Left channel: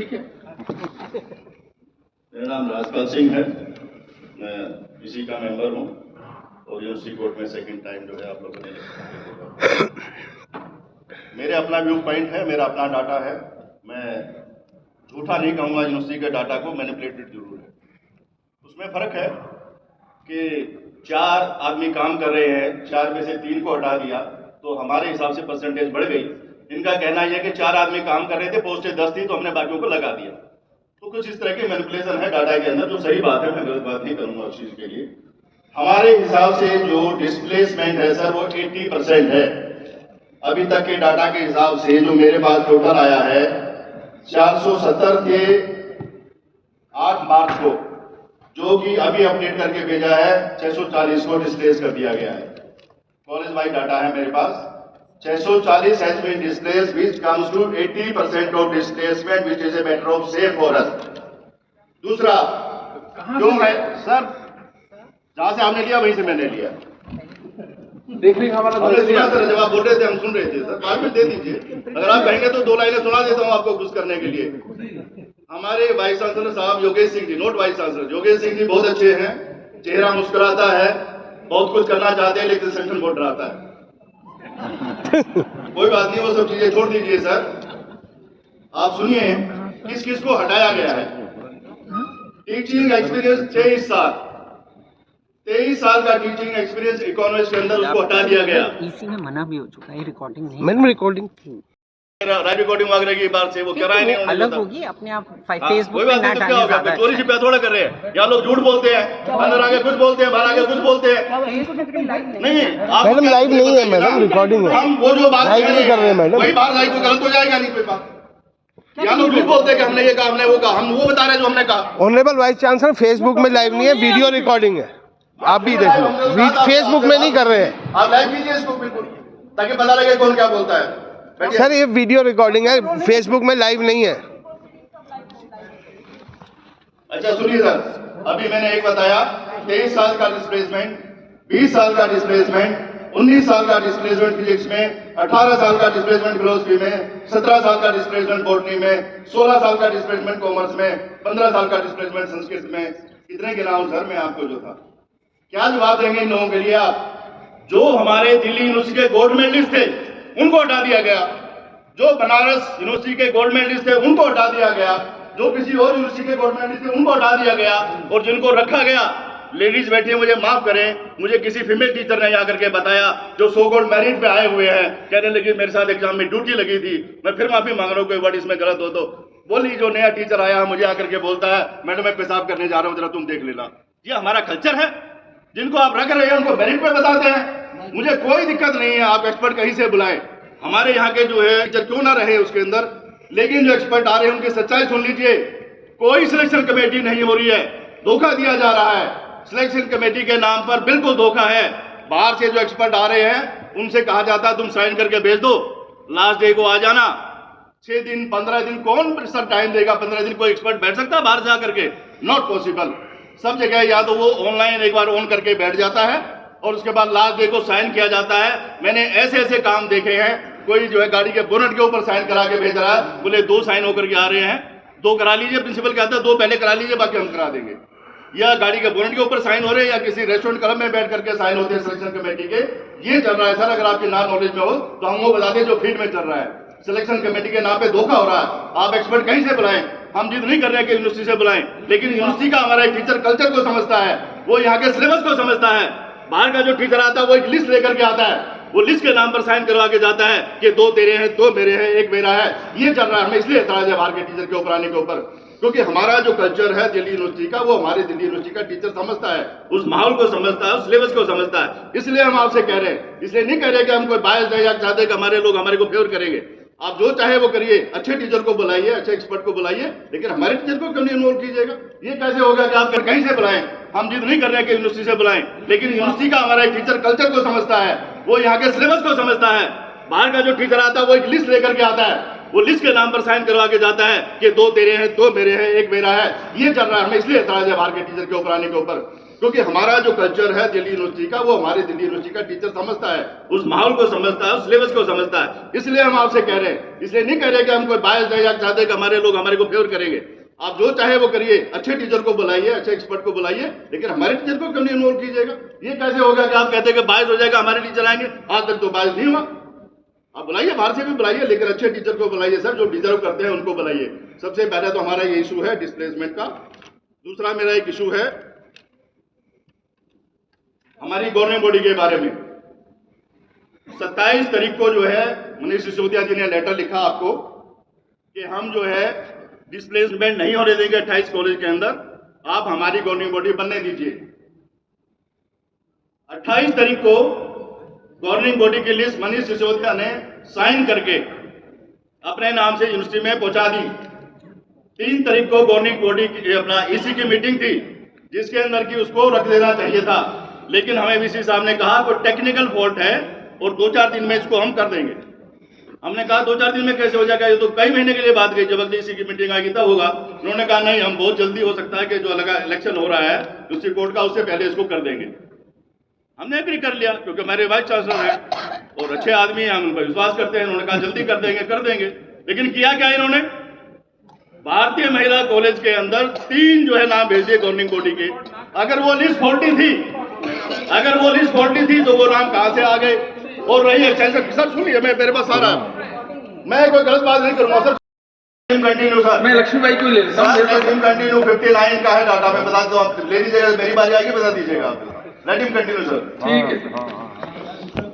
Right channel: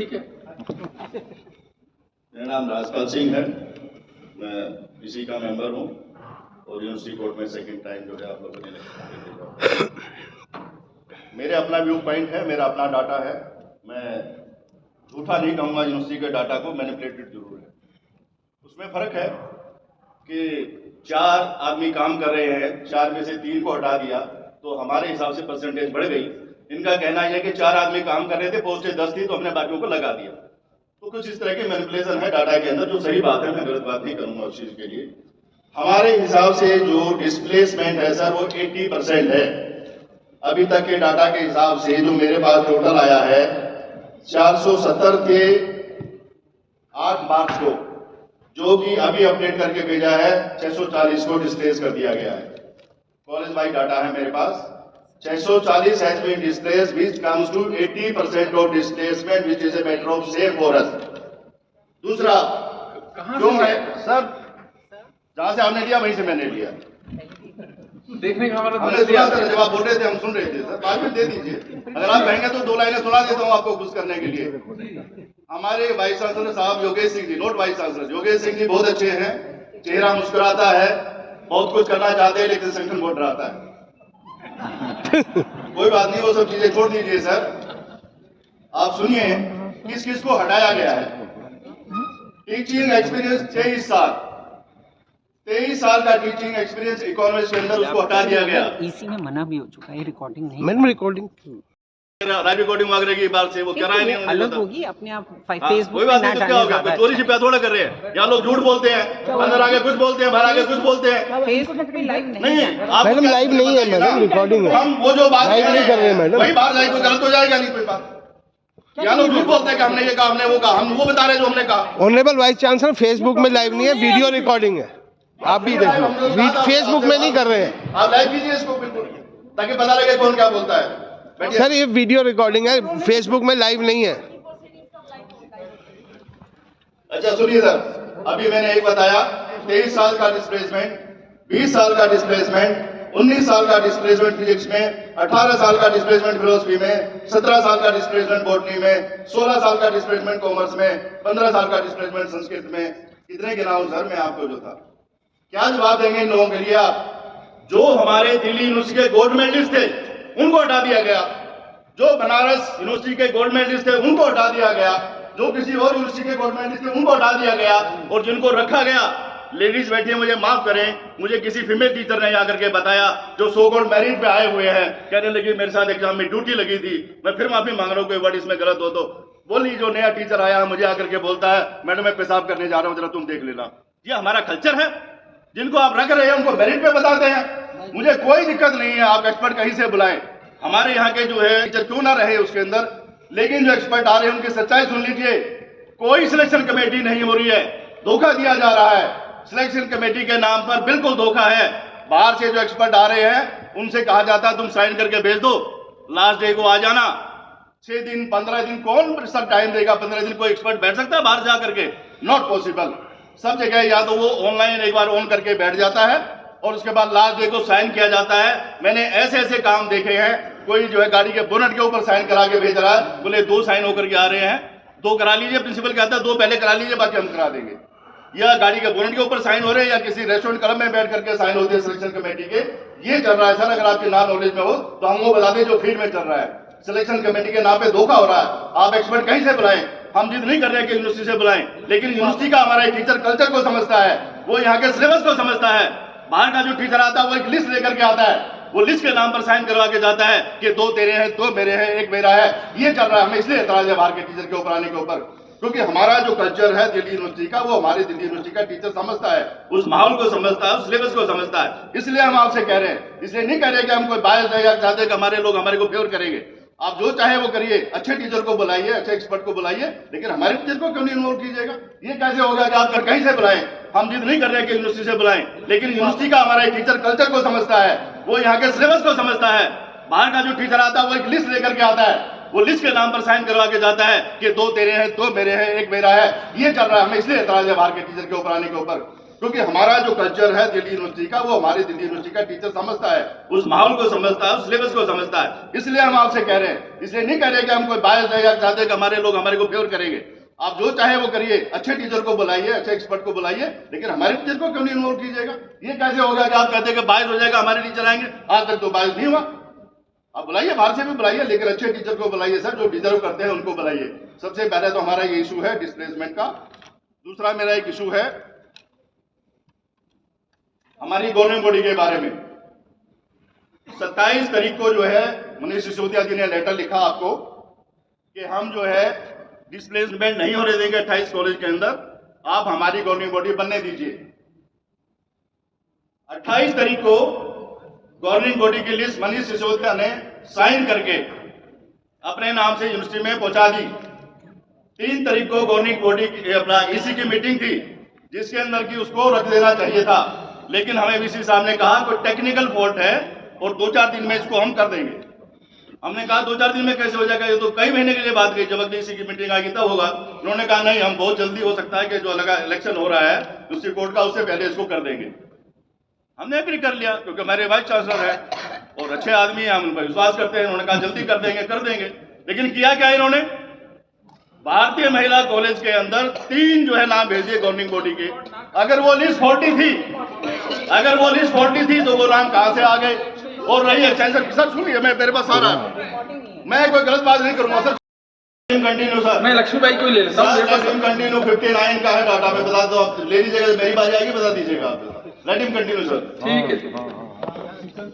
ठीक है। मेरा नाम राजपाल सिंह है, मैं इसी का मेंबर हूँ और यूनिवर्सिटी कोर्ट में सेकंड टाइम जो है आप लोगों ने मेरे अपना व्यू पॉइंट है, मेरा अपना डाटा है। मैं झूठा नहीं कहूँगा, यूनिवर्सिटी के डाटा को मैनिपुलेटेड जरूर है। उसमें फर्क है कि 4 आदमी काम कर रहे हैं, 4 में से 3 को हटा दिया तो हमारे हिसाब से परसेंटेज बढ़ गई। इनका कहना यह है कि 4 आदमी काम कर रहे थे, पोस्टें 10 थी तो हमने बाकियों को लगा दिया। तो कुछ इस तरह के मैनिपुलेशन है डाटा के अंदर, जो सही बात है, मैं गलत बात नहीं करूंगा उस चीज के लिए। हमारे हिसाब से जो डिस्प्लेसमेंट है सर वो 80% है। अभी तक के डाटा के हिसाब से जो मेरे पास टोटल आया है 470 थे 8 मार्च को, जो कि अभी अपडेट करके भेजा है 640 को डिस्प्लेस कर दिया गया है। कॉलेज वाइड डाटा है मेरे पास। 640 has been displaced, which comes to 80% of displacement, which is a matter of shame for us. दूसरा क्यों है सर, जहां से हमने लिया वहीं से मैंने लिया। देखने का हमारा हमने सुना सर, जब आप बोल रहे थे हम सुन रहे थे सर, बाद में दे दीजिए। अगर आप कहेंगे तो 2 लाइनें सुना देता हूँ आपको खुश करने के लिए। हमारे वाइस चांसलर साहब Yogesh Singh ji, not vice chancellor, Yogesh Singh ji बहुत अच्छे हैं, चेहरा मुस्कुराता है, बहुत कुछ करना चाहते हैं, लेकिन सेक्शन बहुत डराता है। कोई बात नहीं, वो सब चीजें छोड़ दीजिए सर। आप सुनिए किस किस को हटाया गया है। टीचिंग एक्सपीरियंस 23 साल का टीचिंग एक्सपीरियंस इकोनॉमिक्स के अंदर उसको हटा दिया गया। ईसी में मना भी हो चुका है, रिकॉर्डिंग नहीं। मैंने रिकॉर्डिंग राइट रिकॉर्डिंग वगैरह की बात से वो कराए नहीं, अलग होगी अपने आप फेसबुक कोई पे बात ना नहीं, क्या डालने हो गया, ज्यादा चोरी छिपा थोड़ा कर रहे हैं। यहाँ लोग झूठ बोलते हैं, अंदर आगे कुछ बोलते हैं, बाहर आगे कुछ बोलते हैं। नहीं, मैडम लाइव नहीं है मैडम, रिकॉर्डिंग है। हम वो जो बात लाइव नहीं कर रहे हैं मैडम। वही बात लाइव गलत हो जाएगा नहीं कोई बात। यहाँ लोग झूठ बोलते हैं कि हमने ये कहा, हमने वो कहा, हम वो बता रहे हैं जो हमने कहा। ऑनरेबल वाइस चांसलर फेसबुक में लाइव नहीं है, वीडियो रिकॉर्डिंग है, आप भी देख लो। फेसबुक में नहीं कर रहे हैं आप लाइव कीजिए इसको बिल्कुल, ताकि पता लगे कौन क्या बोलता है। सर, ये वीडियो रिकॉर्डिंग है, फेसबुक में लाइव नहीं है। अच्छा सुनिए सर, अभी मैंने एक बताया 23 साल का डिस्प्लेसमेंट, 20 साल का डिस्प्लेसमेंट, 19 साल का डिस्प्लेसमेंट फिजिक्स में, 18 साल का डिस्प्लेसमेंट फिलोसफी में, 17 साल का डिस्प्लेसमेंट बॉटनी में, 16 साल का डिस्प्लेसमेंट कॉमर्स में, 15 साल का डिस्प्लेसमेंट संस्कृत में। कितने गिनाऊं सर मैं आपको जो था? क्या जवाब देंगे इन लोगों के लिए आप? जो हमारे दिल्ली यूनिवर्सिटी के गोल्ड मेडलिस्ट थे उनको हटा दिया गया, जो बनारस यूनिवर्सिटी के गोल्ड मेडलिस्ट थे उनको हटा दिया गया, जो किसी और यूनिवर्सिटी के गोल्ड मेडलिस्ट थे उनको हटा दिया गया, और जिनको रखा गया, लेडीज बैठी है, मुझे माफ करें, मुझे किसी फीमेल टीचर ने आकर के बताया जो सो कॉल्ड मेरिट पे आए हुए हैं, कहने लगी मेरे साथ एग्जाम में ड्यूटी लगी थी। मैं फिर माफी मांग रहा हूँ, कोई वर्ड इसमें गलत हो तो बोली। जो नया टीचर आया मुझे आकर के बोलता है मैडम मैं पेशाब करने जा रहा हूँ, जरा तुम देख लेना। ये हमारा कल्चर है। जिनको आप रख रहे हैं उनको मेरिट पे बताते हैं। मुझे कोई दिक्कत नहीं है, आप एक्सपर्ट कहीं से बुलाएं, हमारे यहाँ के जो है टीचर क्यों ना रहे उसके अंदर, लेकिन जो एक्सपर्ट आ रहे हैं उनकी सच्चाई सुन लीजिए। कोई सिलेक्शन कमेटी नहीं हो रही है, धोखा दिया जा रहा है। सिलेक्शन कमेटी के नाम पर बिल्कुल धोखा है। बाहर से जो एक्सपर्ट आ रहे हैं उनसे कहा जाता है तुम साइन करके भेज दो, लास्ट डे को आ जाना। 6 दिन 15 दिन कौन सब टाइम देगा? 15 दिन कोई एक्सपर्ट बैठ सकता है बाहर जा करके? Not possible. सब जगह या तो वो ऑनलाइन एक बार ऑन करके बैठ जाता है और उसके बाद लास्ट डे को साइन किया जाता है। मैंने ऐसे ऐसे काम देखे हैं, कोई जो है गाड़ी के बोनट के ऊपर साइन करा के भेज रहा है, बोले 2 साइन होकर के आ रहे हैं, 2 करा लीजिए। प्रिंसिपल कहता है 2 पहले करा लीजिए, बाकी हम करा देंगे। या गाड़ी के बोनट के ऊपर साइन हो रहे हैं, या किसी रेस्टोरेंट क्लब में बैठ करके साइन होते हैं सिलेक्शन कमेटी के। ये चल रहा है सर, अगर आपकी नॉन नॉलेज में हो तो हम वो बता दें जो फील्ड में चल रहा है। सिलेक्शन कमेटी के नाम पे धोखा हो रहा है। आप एक्सपर्ट कहीं से बुलाएं, हम जिद नहीं कर रहे हैं कि यूनिवर्सिटी से बुलाएं, लेकिन यूनिवर्सिटी का हमारा एक टीचर कल्चर को समझता है, वो यहाँ के सिलेबस को समझता है। बाहर का जो टीचर आता है वो एक लिस्ट लेकर के आता है, वो लिस्ट के नाम पर साइन करवा के जाता है कि 2 तेरे हैं, 2 मेरे हैं, 1 मेरा है। ये चल रहा है। हमें इसलिए एतराज है बाहर के टीचर के ऊपर आने के ऊपर, क्योंकि हमारा जो कल्चर है दिल्ली यूनिवर्सिटी का, वो हमारे दिल्ली यूनिवर्सिटी का टीचर समझता है, उस माहौल को समझता है, उस सिलेबस को समझता है। इसलिए हम आपसे कह रहे हैं, इसलिए नहीं कह रहे कि हम कोई बायस है या चाहते कि हमारे लोग हमारे को फेवर करेंगे। आप जो चाहे वो करिए, अच्छे टीचर को बुलाइए, अच्छे एक्सपर्ट को बुलाइए, लेकिन हमारे टीचर को क्यों नहीं इन्वॉल्व कीजिएगा? ये कैसे होगा कि आप कहीं से बुलाएं? हम जिद नहीं कर रहे हैं कि यूनिवर्सिटी से बुलाएं, लेकिन यूनिवर्सिटी का हमारा एक टीचर कल्चर को समझता है, वो यहाँ के सिलेबस को समझता है। बाहर का जो टीचर आता है वो एक लिस्ट लेकर के आता है, वो लिस्ट के नाम पर साइन करवा के जाता है कि 2 तेरे हैं, 2 मेरे हैं, 1 मेरा है। ये चल रहा है। हमें इसलिए एतराज है बाहर के टीचर के ऊपर आने के ऊपर, क्योंकि हमारा जो कल्चर है दिल्ली यूनिवर्सिटी का, वो हमारे दिल्ली यूनिवर्सिटी का टीचर समझता है, उस माहौल को समझता है, उस सिलेबस को समझता है। इसलिए हम आपसे कह रहे हैं, इसलिए नहीं कह रहे कि हम कोई बायस है या चाहते कि हमारे लोग हमारे को फेवर करेंगे। आप जो चाहे वो करिए, अच्छे टीचर को बुलाइए, अच्छे एक्सपर्ट को बुलाइए, लेकिन हमारे टीचर को क्यों नहीं इन्वॉल्व कीजिएगा? ये कैसे होगा कि आप कहते हैं कि बायस हो जाएगा, हमारे टीचर आएंगे? आज तक तो बायस नहीं हुआ। आप बुलाइए, बाहर से भी बुलाइए, लेकिन अच्छे टीचर को बुलाइए सर, जो डिजर्व करते हैं उनको बुलाइए। सबसे पहले तो हमारा ये इशू है डिस्प्लेसमेंट का। दूसरा मेरा एक इशू है हमारी गवर्निंग बॉडी के बारे में। 27 तारीख को जो है मनीष सिसोदिया जी ने लेटर लिखा आपको कि हम जो है डिस्प्लेसमेंट नहीं होने देंगे 28 कॉलेज के अंदर, आप हमारी गवर्निंग बॉडी बनने दीजिए। 28 तारीख को गवर्निंग बॉडी की लिस्ट मनीष सिसोदिया ने साइन करके अपने नाम से यूनिवर्सिटी में पहुंचा दी। 3 तारीख को गवर्निंग बॉडी की अपना ईसी की मीटिंग थी, जिसके अंदर की उसको रख देना चाहिए था, लेकिन हमें वीसी साहब ने कहा कोई टेक्निकल फॉल्ट है और 2-4 दिन में इसको हम कर देंगे। हमने कहा 2-4 दिन में कैसे हो जाएगा, ये तो कई महीने के लिए बात गई, जब अगली ईसी की मीटिंग आएगी तब होगा। उन्होंने कहा नहीं, हम बहुत जल्दी हो सकता है कि जो लगा इलेक्शन हो रहा है दूसरी कोर्ट का, उससे पहले इसको कर देंगे। हमने एग्री कर लिया, क्योंकि हमारे वाइस चांसलर है और अच्छे आदमी हैं, हम उन पर विश्वास करते हैं। उन्होंने कहा जल्दी कर देंगे, कर देंगे। लेकिन किया क्या इन्होंने? भारतीय महिला कॉलेज के अंदर 3 जो है नाम भेज दिए गवर्निंग बॉडी के। अगर वो लिस्ट फॉल्टी थी तो वो नाम कहां से आ गए? और रही एक्सटेंशन, सर सुनिए, मैं मेरे पास सारा, मैं कोई गलत बात नहीं करूंगा सर। कंटिन्यू सर, मैं लक्ष्मी भाई को ले लेता हूं। सर कंटिन्यू 59 का है डाटा, मैं बता दो, आप ले लीजिएगा, मेरी बारी आएगी बता दीजिएगा आप। Let him continue sir. ठीक है।